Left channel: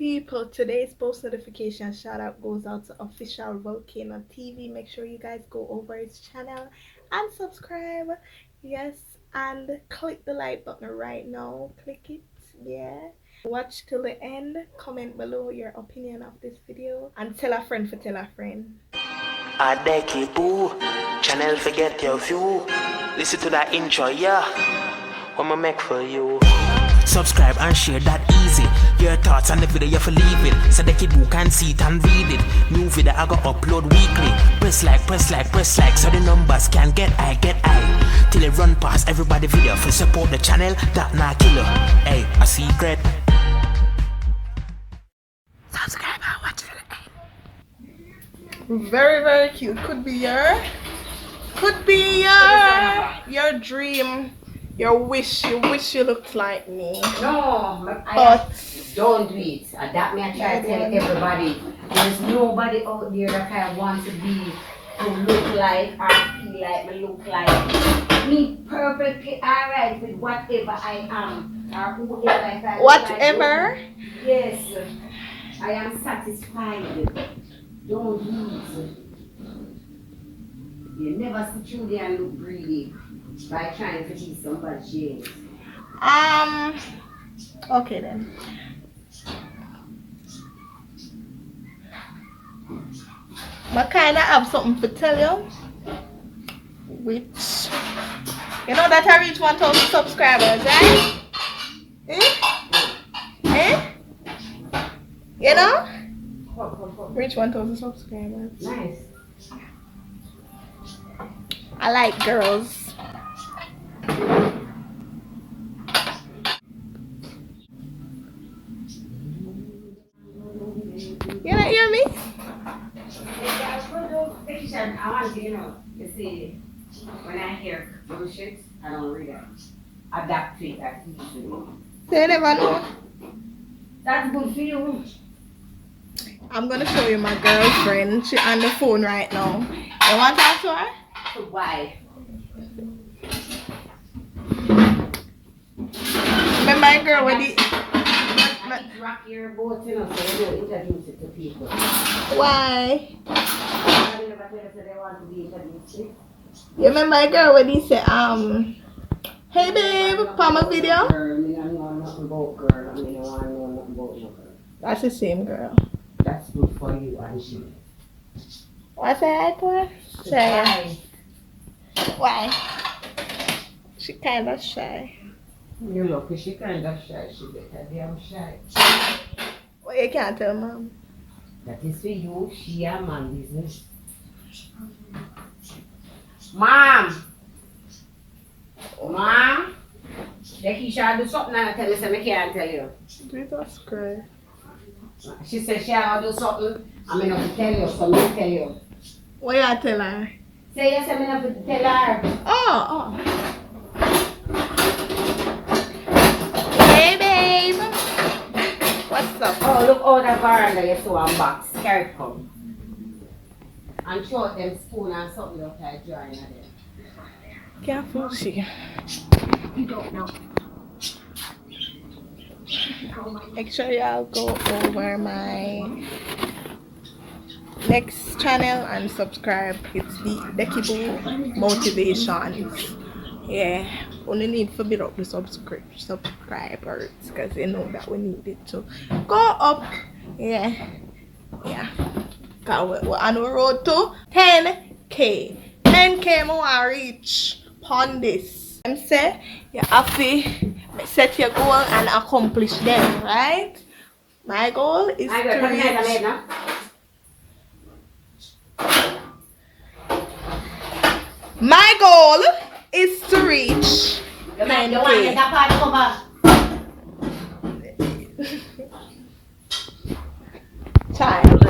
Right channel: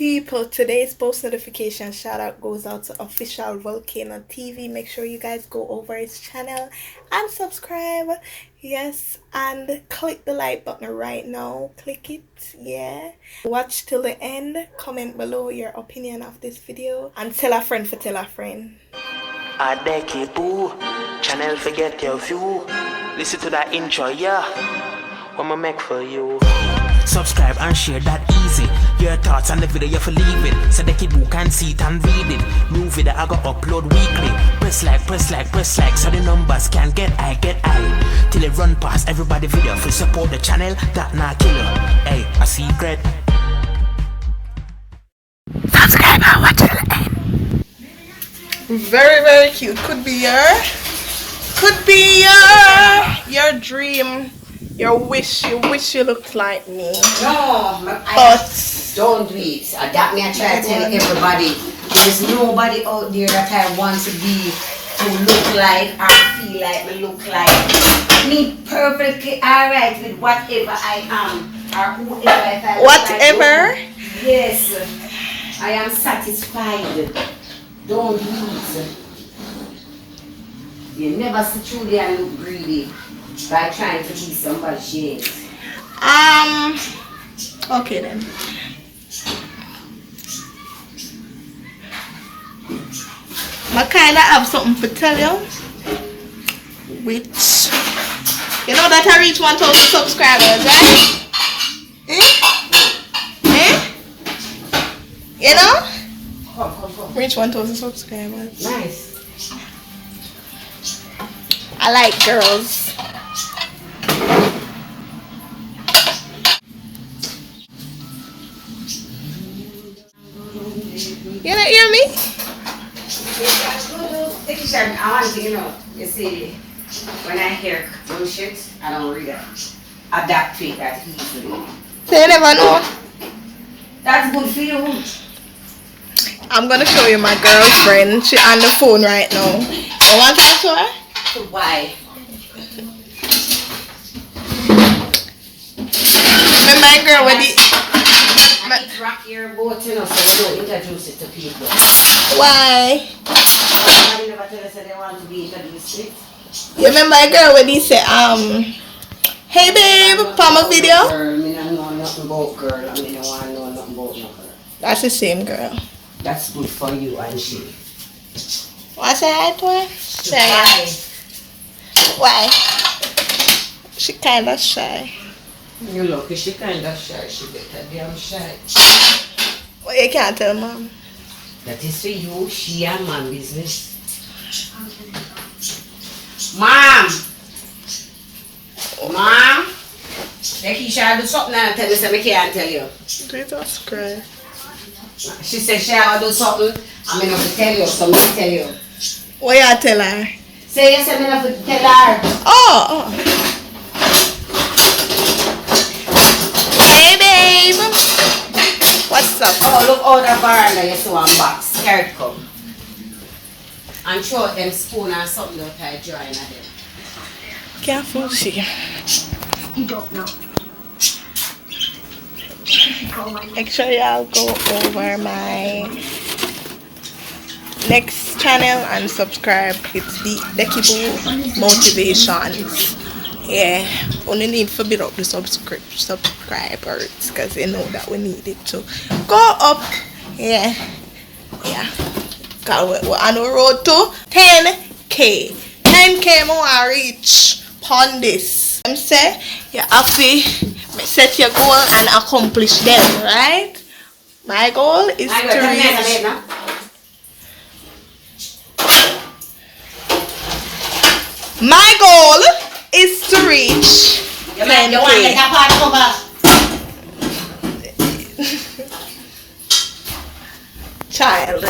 people, today's post notification shout out goes out to official Volcano TV. Make sure you guys go over his channel and subscribe. Yes, and click the like button right now. Click it. Yeah, watch till the end. Comment below your opinion of this video and tell a friend for tell a friend. Channel forget your view. Listen to that intro, yeah. What I make for you. Subscribe and share that easy. Your thoughts on the video you for leave it, so the kid who can see it and read it. New video I go upload weekly. Press like, so the numbers can get high. Till it run past everybody video. For support the channel, that not killer. Hey, a secret. Subscribe and watch till the end. Very cute. Could be your dream. You wish you looked like me. No, but don't do it. That me I try to tell everybody. There's nobody out there that I want to be, to look like or feel like me look like. Me perfectly alright with whatever I am or whoever I feel. Whatever? Like. Yes, I am satisfied. Don't do it. You never sit through there and look greedy by trying to be somebody she is. Okay then. I kinda have something to tell you. Which you know that I reach 1,000 subscribers, right? You know? Come. Reach 1,000 subscribers. Nice. I like girls. You don't hear me? I want to, you see, when I hear bullshit, I don't read it. Adapt to it that easily. So you never know. That's good for you. I'm gonna show you my girlfriend. She's on the phone right now. You want to talk to her? So why? Remember my girl with the... It's rock your boat, so we don't introduce it to people. Why? Somebody never tell us that they want to be introduced to it. You remember a girl when he said, hey babe, for my video? Girl, I don't know nothing about girl. I don't want to know nothing about no girl. That's the same girl. That's good for you and she. What's that to her? Shy. Why? She kinda shy. You look, she kind of shy. She better damn shy. Well, you can't tell mom. That is for you, she and man business. Mom! Mom! The Keisha do something and tell me so I can't tell you. Jesus Christ. She said she will do something, I'm going to tell you, so I'm tell you. What you tell her? Say yes, I'm going to tell her. Oh. Hey babe. What's up? Oh, look out the veranda, you saw one box. Carrot come. And throw out them spoon and something out there drawing at them. Careful, she. You don't know. Make sure y'all go over my next channel and subscribe. It's the Motivations. Yeah, only need to build up the subscribers because they know that we need it to go up. Yeah. Cause we're on the road to 10K. 10K more reach on this. I'm saying you have to set your goal and accomplish them, right? My goal is to reach. My goal is to reach 10K. Child.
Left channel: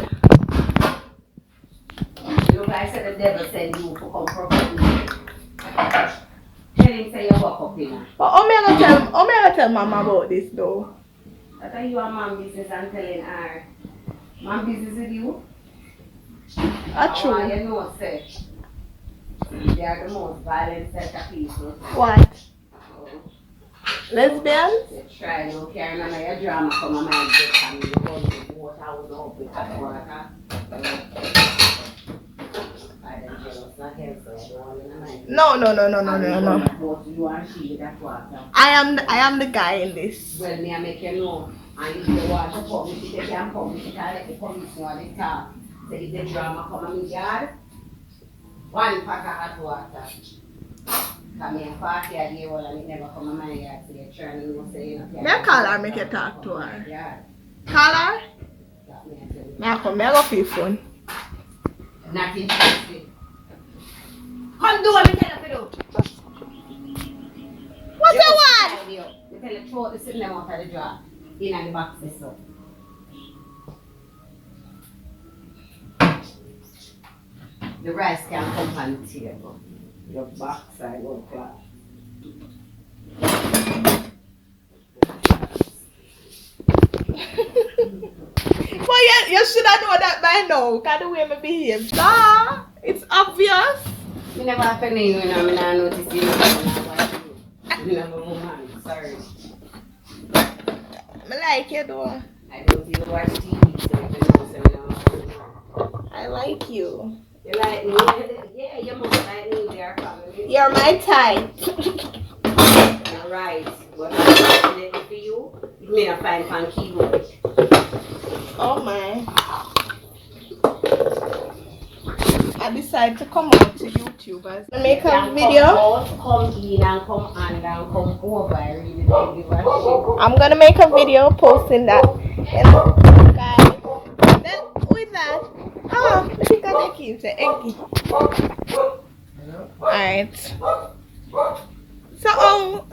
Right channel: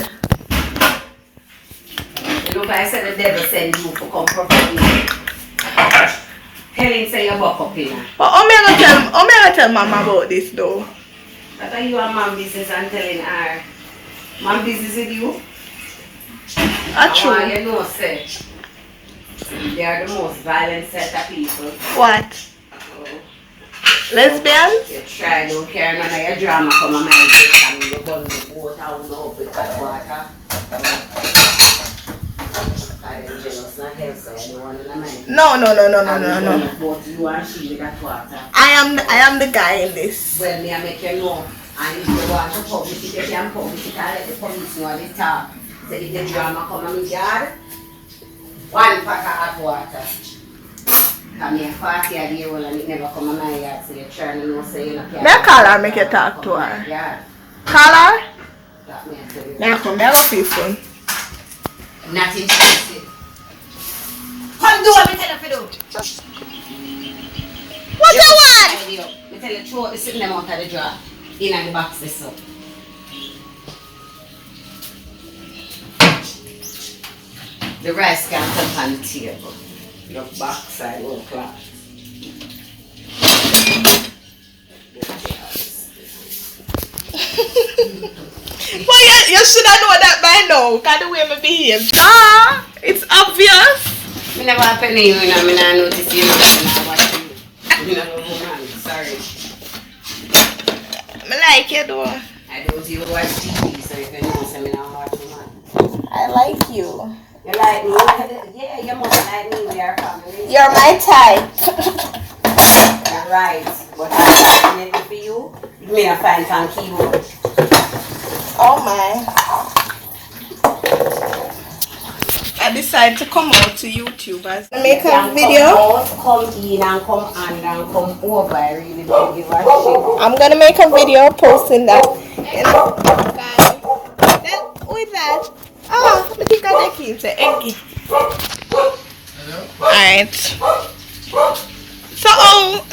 Look, I said the devil send you to come prophet me. Tell him say you walk up in. But I'm gonna tell mama about this though. That are you and mom business and telling her. Mom business with you? That's true. You know, say. They are the most violent set of people. What? Lesbians? You try, don't care none of your drama come on my dick and you go No. But you and she with that water. I am the guy in this. Well, me I make you know. And if you want to publish it, you can publish it and let the police know at the top. So if the drama come in my yard, 1 pack of hot water. Come here, 40 a day, well, and it never come in my yard, so you're trying to know, so you're not. May I call her, make you talk to her? Yeah. Call her? That me I tell you. May I come? May I go for your phone? Not interested. Come do what me tell you to do. What you want? Me tell you, throw the sitting them out of the drawer. In the box this up. The rice can come on the table. The backside will clap. Well, you should have known that by now. Because the way I behave. Nah, it's obvious. I never happen to you, I don't notice you. I watch you. I'm a woman, sorry. I like you though. I don't even watch TV, so if you know something, I'm a woman. I like you. You like me? Yeah, your mother like me, we are family. You're my type. You're right. But I'm finding it for you. You may not find on keyboard. Oh my. I decided to come out to YouTube as I make a video. Come in and come on and come over. I really don't give a shit. I'm gonna make a video posting that. Who is that? Oh, I think I take it. Eggy. Alright. So,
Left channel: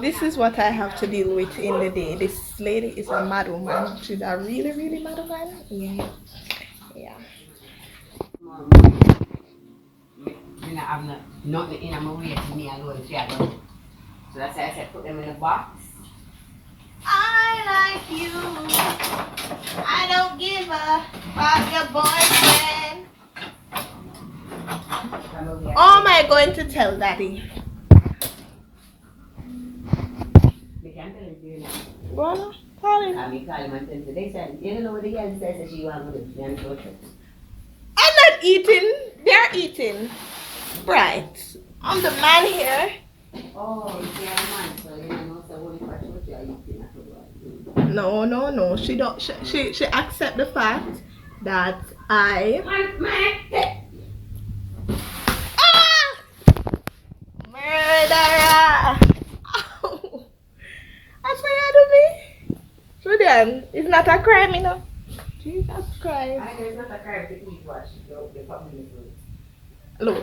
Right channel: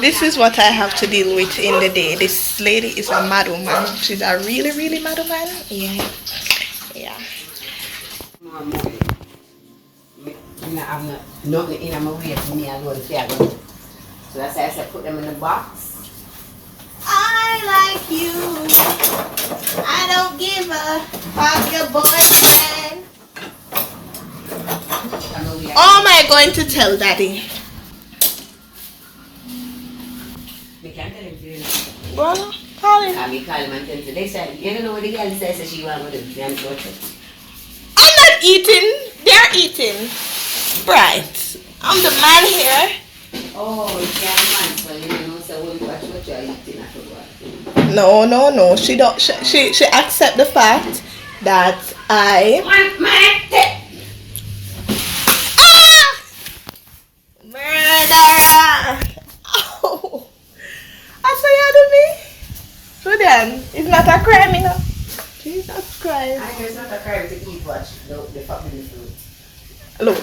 this is what I have to deal with in the day. This lady is a mad woman. She's a really, really mad woman. Yeah. I'm not in my way for me alone. So that's why I said put them in the box. I like you. I don't give a fuck your boyfriend. Oh, am I going to tell Daddy? We can't tell him to you. Well, call him. I call him and tell him. They said, you don't know what the girl says she want to do. I'm not eating. They're eating. Right. I'm the man here. Oh, it's your man. So you don't know so what you're eating afterwards. No. She don't. She accept the fact that I. Murderer! Ow! I say you to me. So then, it's not a crime, you know. Jesus Christ. I know it's not a crime to eat what the family food. Look.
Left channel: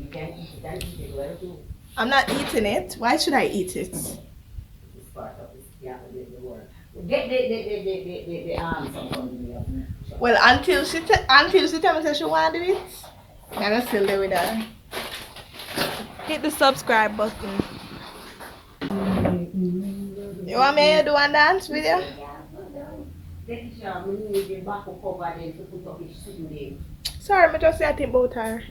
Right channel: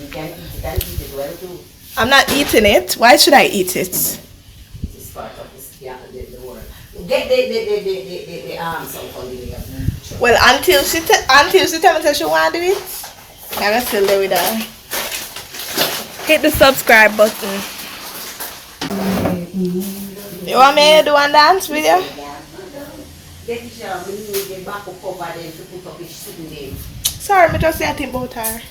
You can eat it well too. I'm not eating it. Why should I eat it? It's part of this, the world. Get the arms up on the Well, until she tell me that she want to do it, I'm gonna still do with her. Hit the subscribe button. You want me to do a dance video? Sorry, I just say I think about her.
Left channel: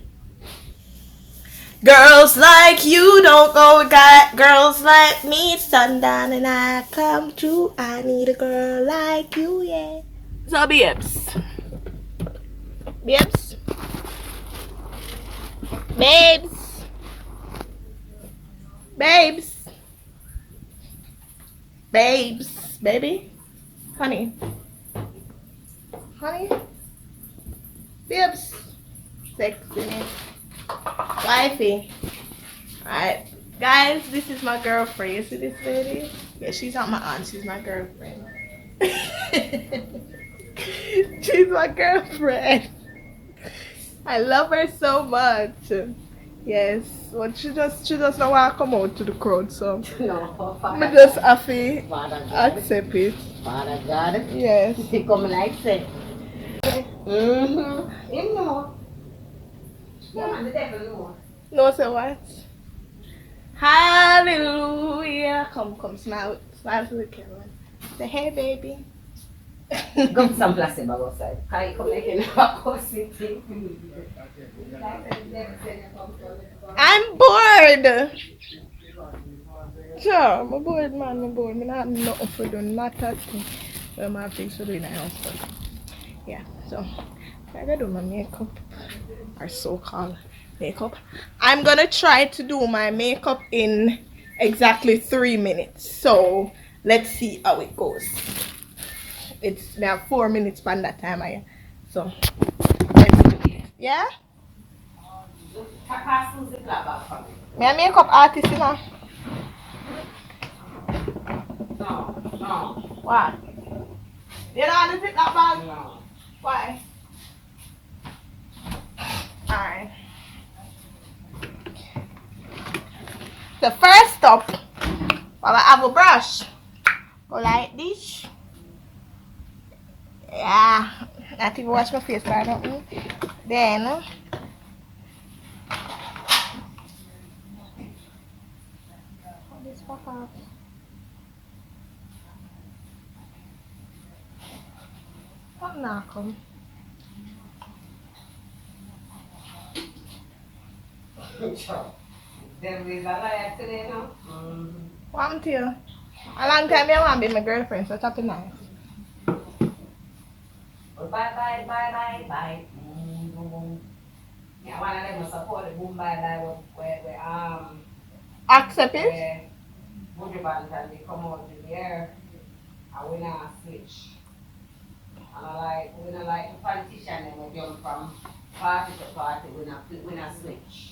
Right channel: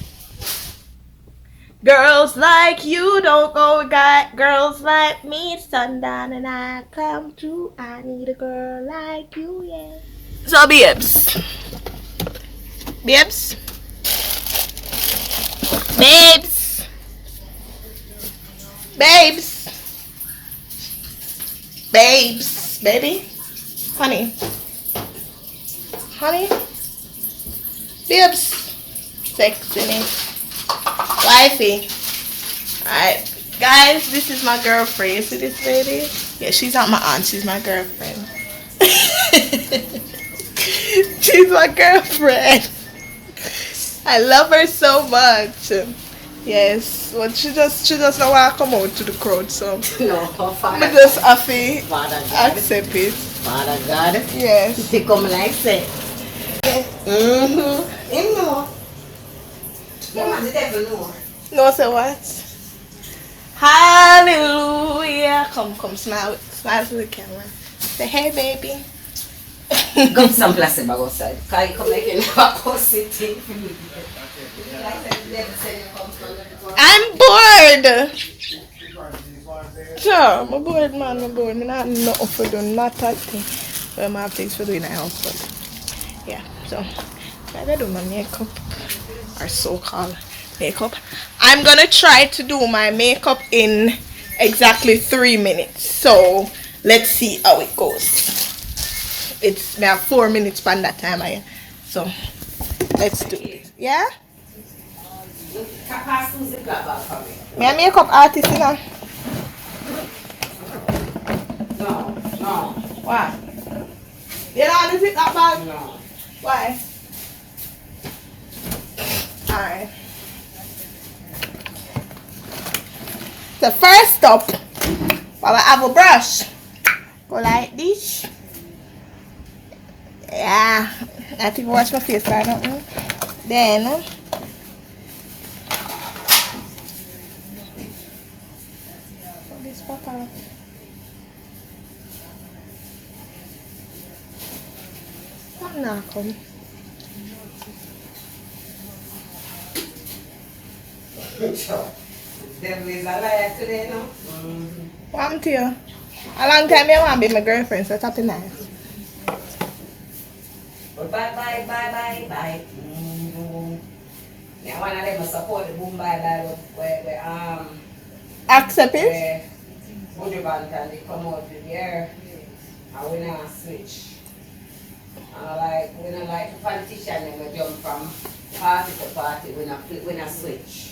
Girls like you don't go got girls like me. Sundown and I come true. I need a girl like you, yeah. So babes. Babes. Babes. Babes. Babes. Baby. Honey. Honey. Babes. Sexy name. Wifey. Alright. Guys, this is my girlfriend. You see this lady? Yeah, she's not my aunt. She's my girlfriend. She's my girlfriend. I love her so much. Yes. Well, she just don't want to come out to the crowd, so no, Father I just have to God. accept it. Father God. Yes. They come like say. Mm-hmm. Him know. Yeah, man, the devil know. No, say what? Hallelujah. Come, smile to the camera. Say, hey, baby. Go to some place about outside. Can you come like you never go sitting? I'm bored. Sure, I'm bored, man. I'm bored. I don't have nothing for doing, not that thing. Well, I have things for doing in the house, but yeah. So, I gotta do my makeup. or so-called makeup. I'm gonna try to do my makeup in exactly 3 minutes. So let's see how it goes. It's now 4 minutes by that time so let's do it. Yeah? Me a makeup artist, you know. No. Why? You know how to fit that bag? No. Why? Alright. The first stop, I have a brush. Go like this. Yeah. I think I wash my face right now. Then this pop out. What now come? Them is a liar today, no? What happened to you? A long time you want to be my girlfriend, so top it nice. Bye. Now one of them support the boom bye where Accept it? where Mojo Bantan they come out with there and we now switch. And we don't like politician them we jump from party to party, we not switch.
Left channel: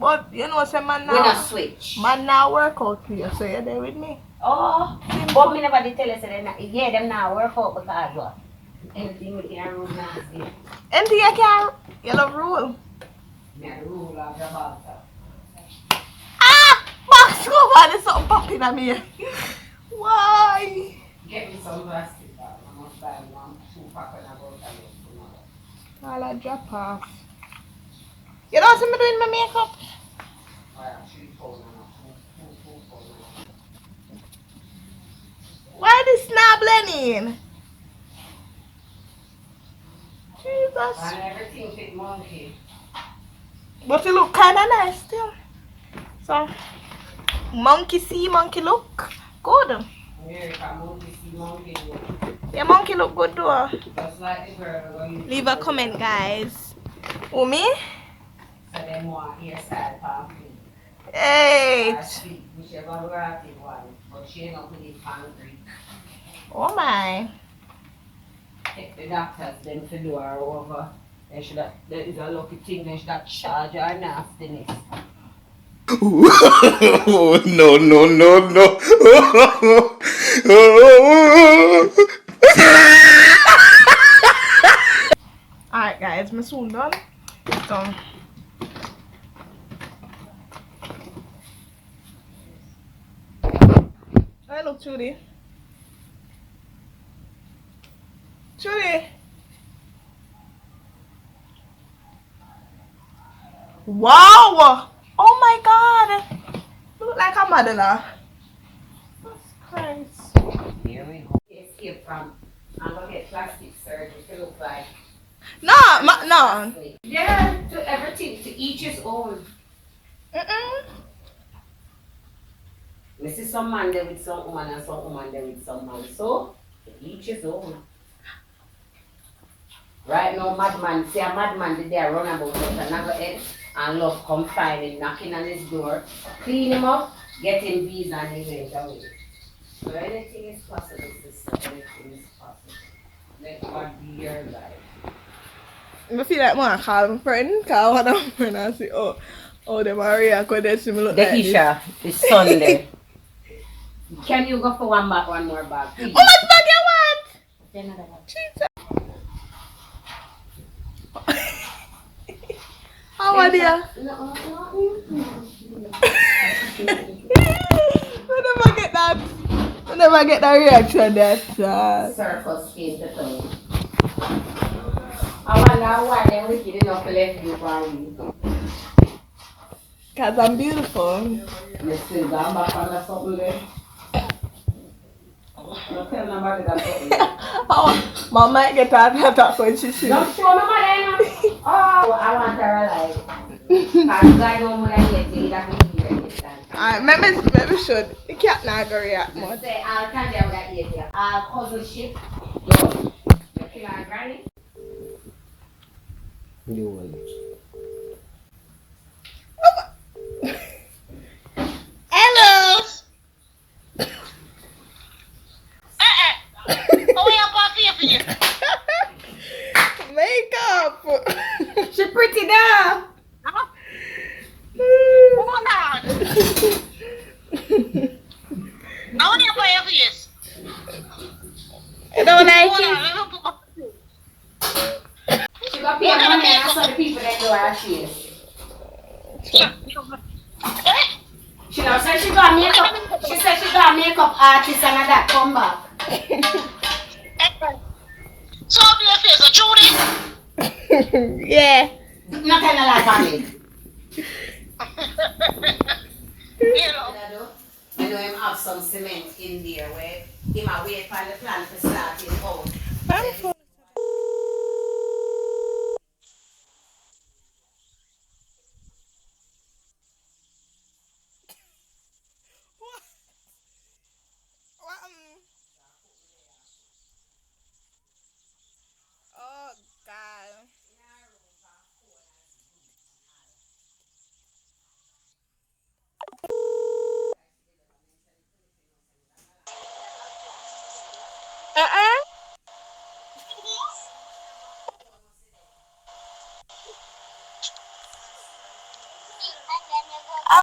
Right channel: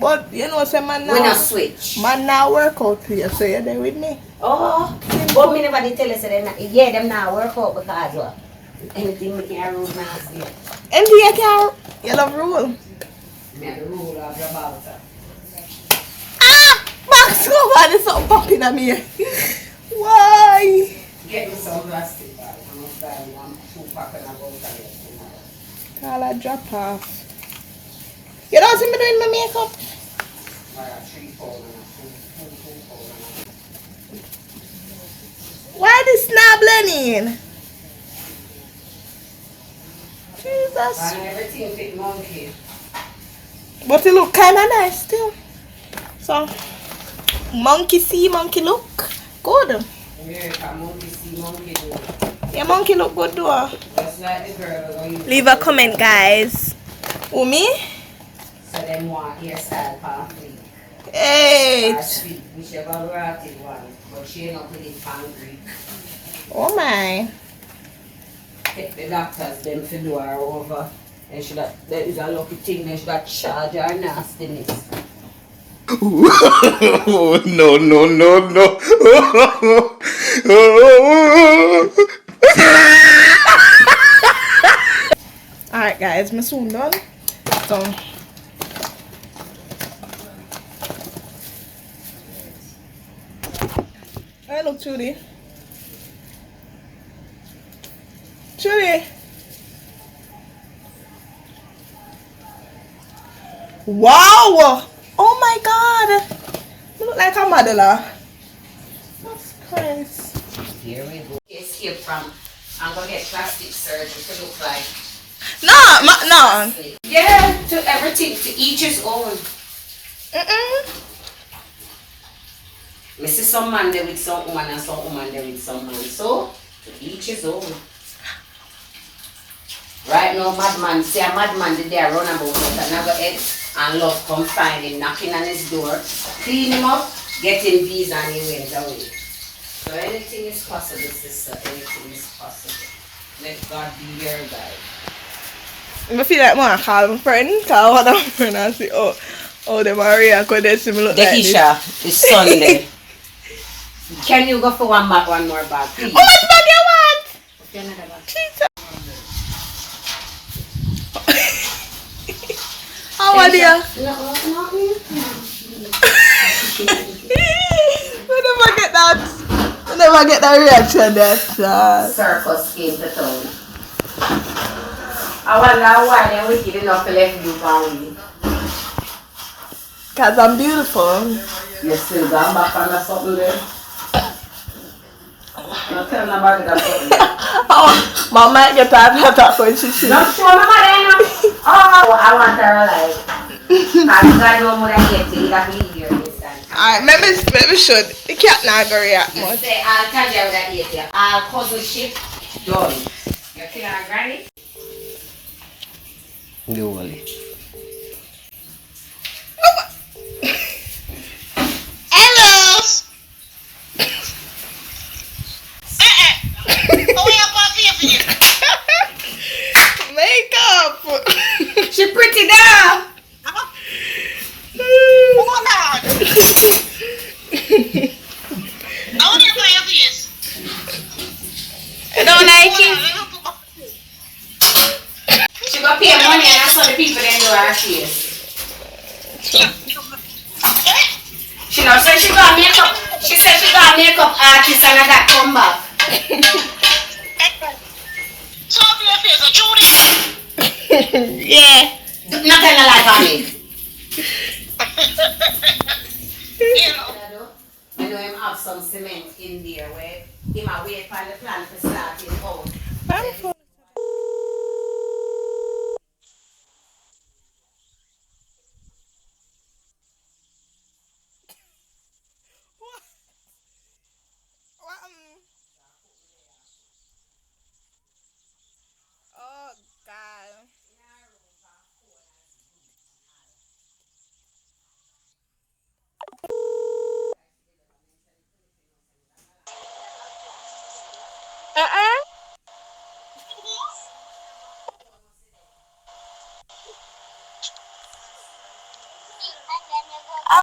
But you know, say man We not now, switch. man now work out for you, so you're there with me. Oh, but me never did tell us that them now work out because what? Anything we can rule nasty. And you can, you love rule. Me have the rule of the bouter. Ah! Max, come on, there's something popping at me. Why? Get me some plastic bag. I'm not buying 2 pack and I go to I'll I drop off. You don't see me doing my makeup? 3 pounds and 2 pounds. Why this not blending? Jesus. And everything fit monkey. But it look kind of nice still. So, monkey see, monkey look good. America, monkey see, monkey do. Your monkey look good though. Just like the girl who Leave a comment, guys. Who, me? So them want hairstyle for free. Hey. Or sweet, whichever variety one. But she ain't not put it pan Greek. Oh my. Take the doctors them to do her over. And she that is a lucky thing, they should have charge her nastiness. No. Alright guys, I'm soon done. So I look Trudy. Wow! Oh my god! You look like a modeler. Jesus Christ. Here we go. Escape from, I'm gonna get plastic surgery to look like. No. Yeah, to everything, to each his own. I see some man there with some woman and some woman there with some man. So, to each his own. Right now, madman, see a madman did there run about with another head and love come find him, knocking on his door, clean him up, get him visa and he went away. So anything is possible, sister, anything is possible. Let God be your guide. I feel like I call my friend, call one of my friends and say, oh, the Maria could they see me look The like Isha is Sunday. Can you go for one more bag, please? How much bag you want? Another bag. Jesus. How are you? I never get that reaction that Circus came to town. I wonder why they're wicked enough to let you for me. Because I'm beautiful. You still gone back on something there? Don't tell nobody that something there. Oh, Mama might get tired of that when she sees. Don't show me mother, oh, I want her alive. Because God know more than get to that we hear this time. Alright, maybe should. The cat not going to react much. Say, I'll tell you that eat. I'll cousin ship done. You kill our granny? Globally. Hello. Makeup. She pretty girl. I don't like it. She got pay money and I saw the people that do her face. She now said she got makeup. She said she got makeup artist and I got come back. Yeah. Not tell a lie on me. I know him have some cement in there where he might wait for the plant to start it out. Oh God.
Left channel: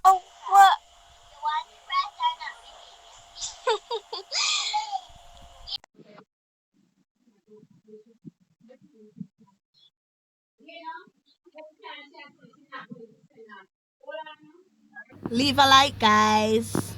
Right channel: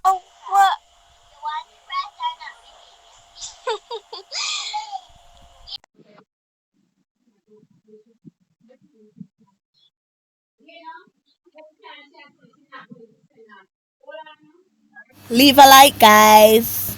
Oh, what? Leave a like, guys.